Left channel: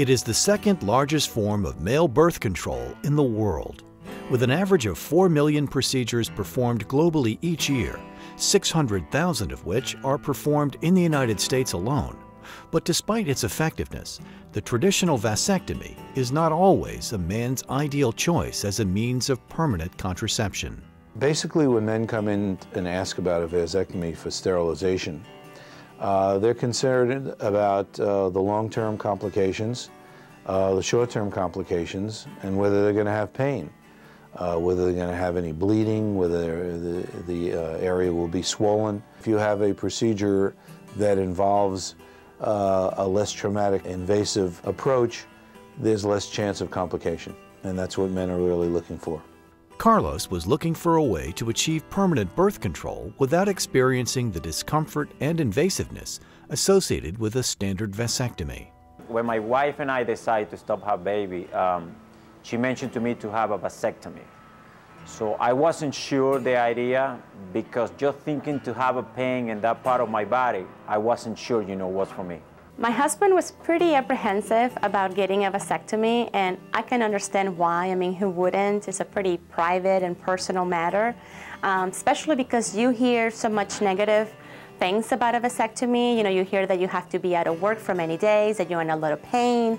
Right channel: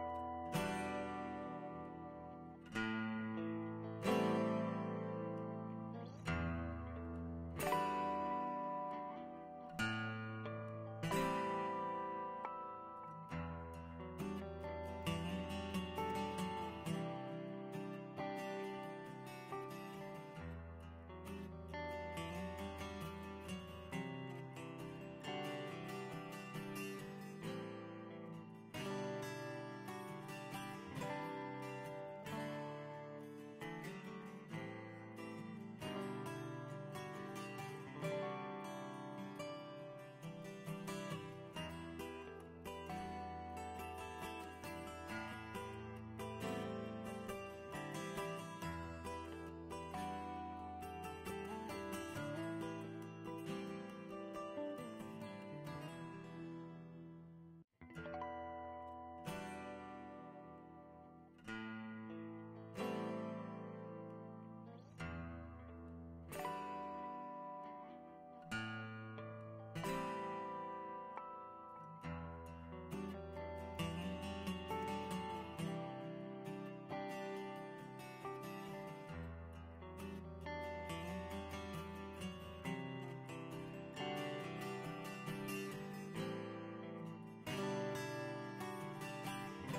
It is the second largest form of male birth control in the world. With an average of 4 million procedures performed globally each year, 600,000 of which are performed in the United States alone. But despite its effectiveness, the traditional vasectomy is not always a man's ideal choice as a means of permanent contraception. Basically, when men come in and ask about a vasectomy for sterilization, they're concerned about the long-term complications, the short-term complications, and whether they're going to have pain, whether they're going to have any bleeding, whether the area will be swollen. If you have a procedure that involves a less traumatic, invasive approach, there's less chance of complication, and that's what men are really looking for. Carlos was looking for a way to achieve permanent birth control without experiencing the discomfort and invasiveness associated with a standard vasectomy. When my wife and I decided to stop having baby, she mentioned to me to have a vasectomy. So I wasn't sure the idea, because just thinking to have a pain in that part of my body, I wasn't sure, what's for me. My husband was pretty apprehensive about getting a vasectomy, and I can understand why. I mean, who wouldn't? It's a pretty private and personal matter, especially because you hear so much negative things about a vasectomy. You hear that you have to be out of work for many days, that you're in a lot of pain,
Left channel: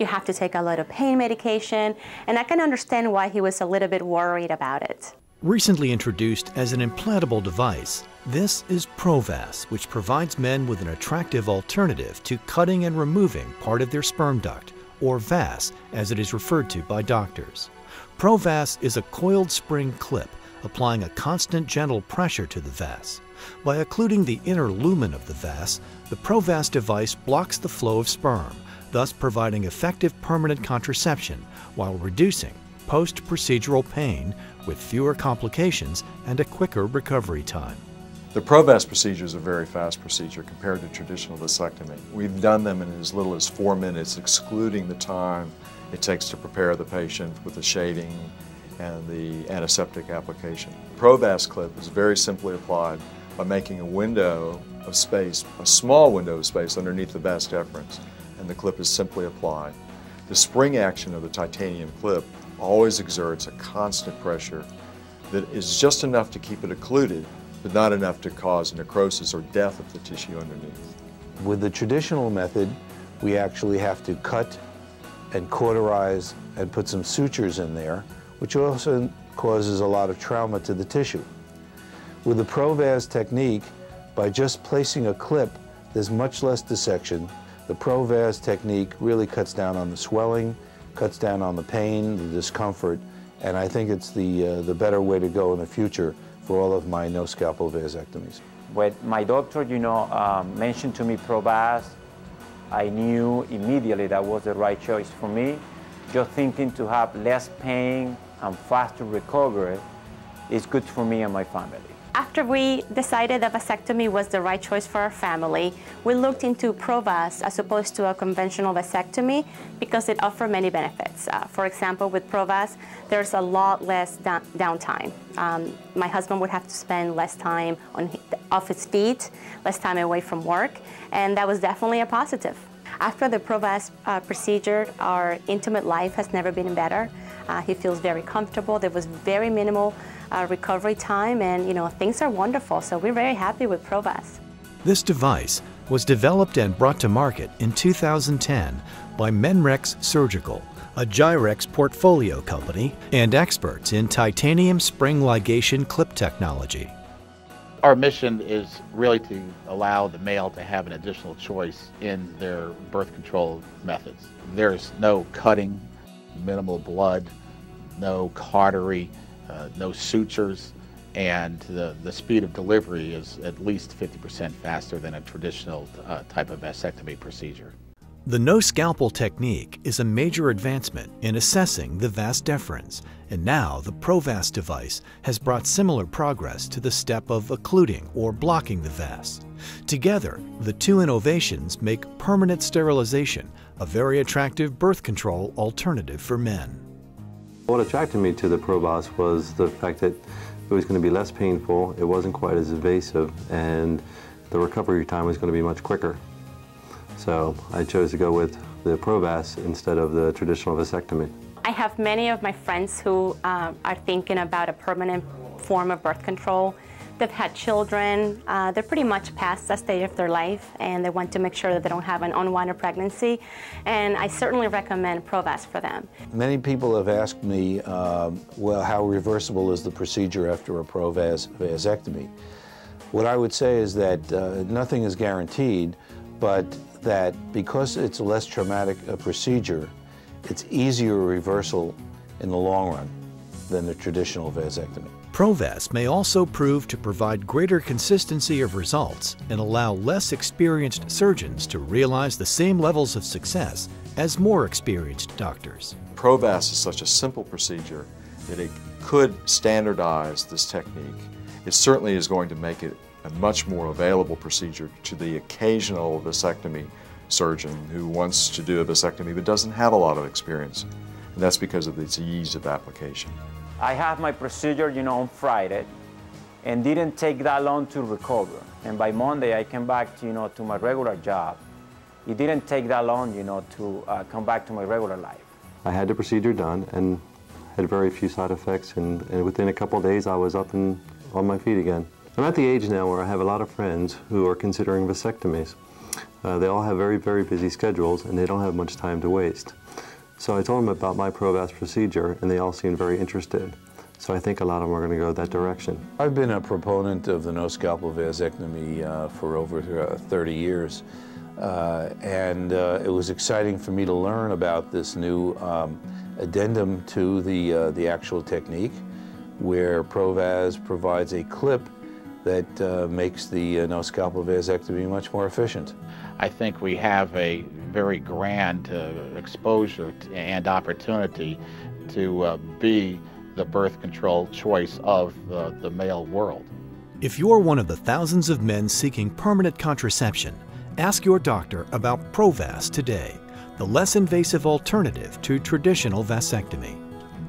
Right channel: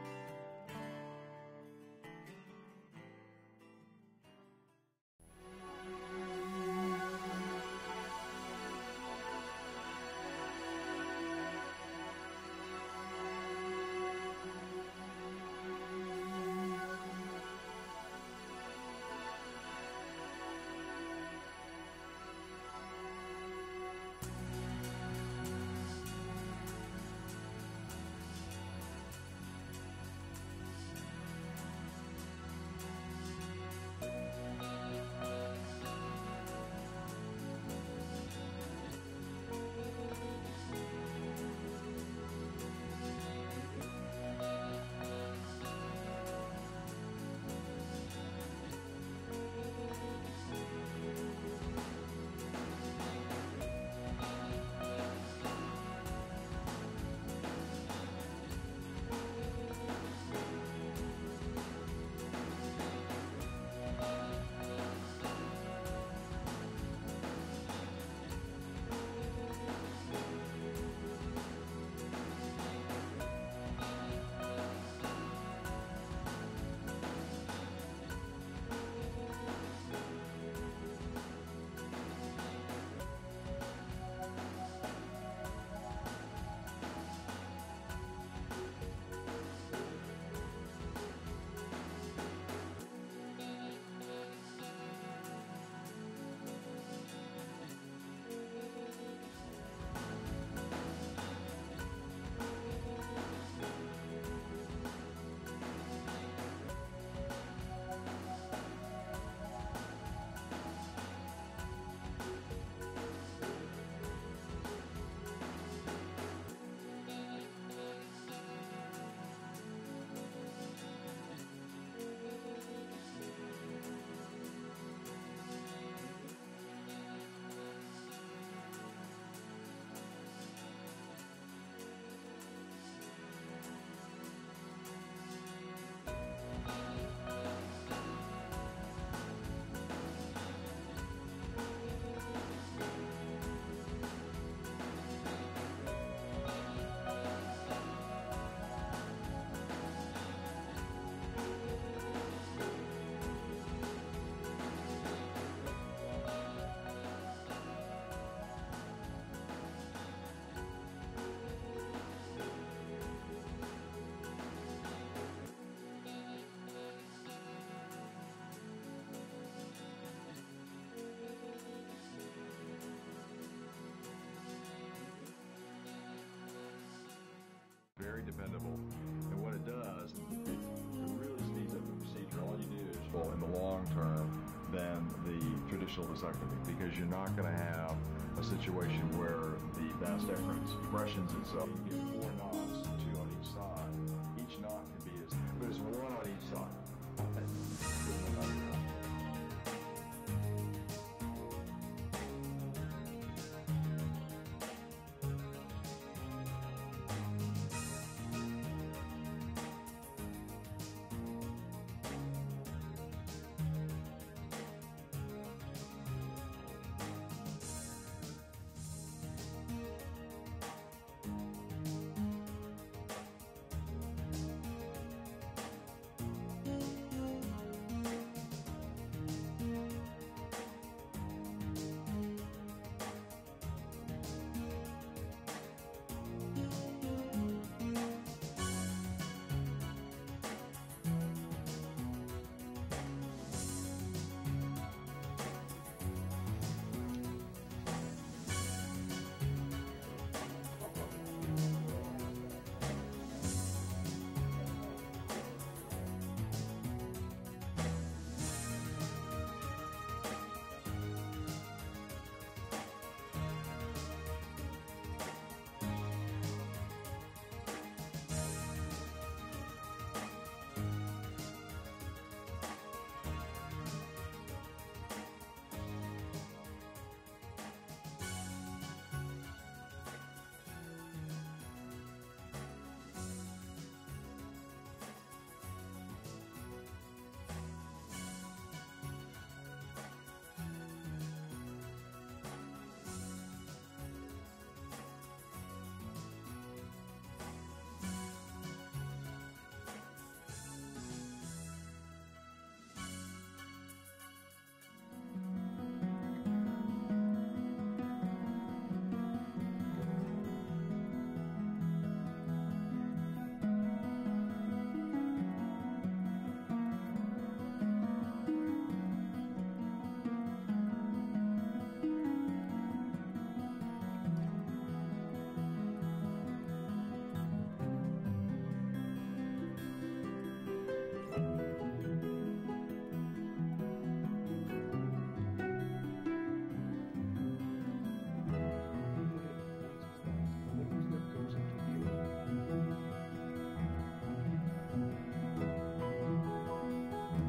you have to take a lot of pain medication, and I can understand why he was a little bit worried about it. Recently introduced as an implantable device, this is Pro-Vas, which provides men with an attractive alternative to cutting and removing part of their sperm duct, or vas as it is referred to by doctors. Pro-Vas is a coiled spring clip applying a constant gentle pressure to the vas. By occluding the inner lumen of the vas, the Pro-Vas device blocks the flow of sperm, thus providing effective permanent contraception while reducing post-procedural pain with fewer complications and a quicker recovery time. The Pro-Vas procedure is a very fast procedure compared to traditional vasectomy. We've done them in as little as 4 minutes, excluding the time it takes to prepare the patient with the shading and the antiseptic application. Pro-Vas clip is very simply applied by making a window of space, a small window of space underneath the vas deferens, and the clip is simply applied. The spring action of the titanium clip always exerts a constant pressure that is just enough to keep it occluded, but not enough to cause necrosis or death of the tissue underneath. With the traditional method, we actually have to cut and cauterize and put some sutures in there, which also causes a lot of trauma to the tissue. With the Pro-Vas technique, by just placing a clip, there's much less dissection. The Pro-Vas technique really cuts down on the swelling, cuts down on the pain, the discomfort, and I think it's the better way to go in the future for all of my no-scalpel vasectomies. When my doctor, mentioned to me Pro-Vas, I knew immediately that was the right choice for me. Just thinking to have less pain and faster recovery is good for me and my family. After we decided that vasectomy was the right choice for our family, we looked into Pro-Vas as opposed to a conventional vasectomy because it offered many benefits. For example, with Pro-Vas, there's a lot less downtime. My husband would have to spend less time off his feet, less time away from work, and that was definitely a positive. After the Pro-Vas procedure, our intimate life has never been better. He feels very comfortable. There was very minimal recovery time, and things are wonderful, so we're very happy with Pro-Vas. This device was developed and brought to market in 2010 by MenRx Surgical, a Gyrex portfolio company and experts in titanium spring ligation clip technology. Our mission is really to allow the male to have an additional choice in their birth control methods. There's no cutting, minimal blood, no cautery, no sutures, and the speed of delivery is at least 50% faster than a traditional type of vasectomy procedure. The no-scalpel technique is a major advancement in assessing the vas deferens, and now the Pro-Vas device has brought similar progress to the step of occluding or blocking the vas. Together, the two innovations make permanent sterilization a very attractive birth control alternative for men. What attracted me to the Pro-Vas was the fact that it was going to be less painful, it wasn't quite as invasive, and the recovery time was going to be much quicker. So I chose to go with the Pro-Vas instead of the traditional vasectomy. I have many of my friends who are thinking about a permanent form of birth control. They've had children, they're pretty much past that stage of their life, and they want to make sure that they don't have an unwanted pregnancy, and I certainly recommend Pro-Vas for them. Many people have asked me, well, how reversible is the procedure after a Pro-Vas vasectomy? What I would say is that nothing is guaranteed, but that because it's a less traumatic procedure, it's easier reversal in the long run than the traditional vasectomy. Pro-Vas may also prove to provide greater consistency of results and allow less experienced surgeons to realize the same levels of success as more experienced doctors. Pro-Vas is such a simple procedure that it could standardize this technique. It certainly is going to make it a much more available procedure to the occasional vasectomy surgeon who wants to do a vasectomy but doesn't have a lot of experience. And that's because of its ease of application. I had my procedure, on Friday, and didn't take that long to recover. And by Monday, I came back, to my regular job. It didn't take that long, to come back to my regular life. I had the procedure done and had very few side effects, and within a couple of days I was up and on my feet again. I'm at the age now where I have a lot of friends who are considering vasectomies. They all have very, very busy schedules and they don't have much time to waste. So I told them about my Pro-Vas procedure and they all seemed very interested. So I think a lot of them are going to go that direction. I've been a proponent of the no-scalpel vasectomy for over 30 years. It was exciting for me to learn about this new addendum to the actual technique, where Pro-Vas provides a clip that makes the no-scalpel vasectomy much more efficient. I think we have a very grand exposure and opportunity to be the birth control choice of the male world. If you're one of the thousands of men seeking permanent contraception, ask your doctor about Pro-Vas today, the less invasive alternative to traditional vasectomy.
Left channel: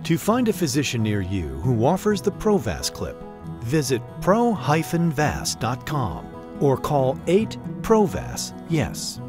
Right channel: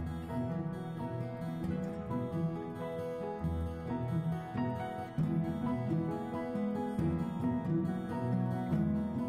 To find a physician near you who offers the Pro-Vas clip, visit pro-vas.com or call 8-PRO-VAS-YES.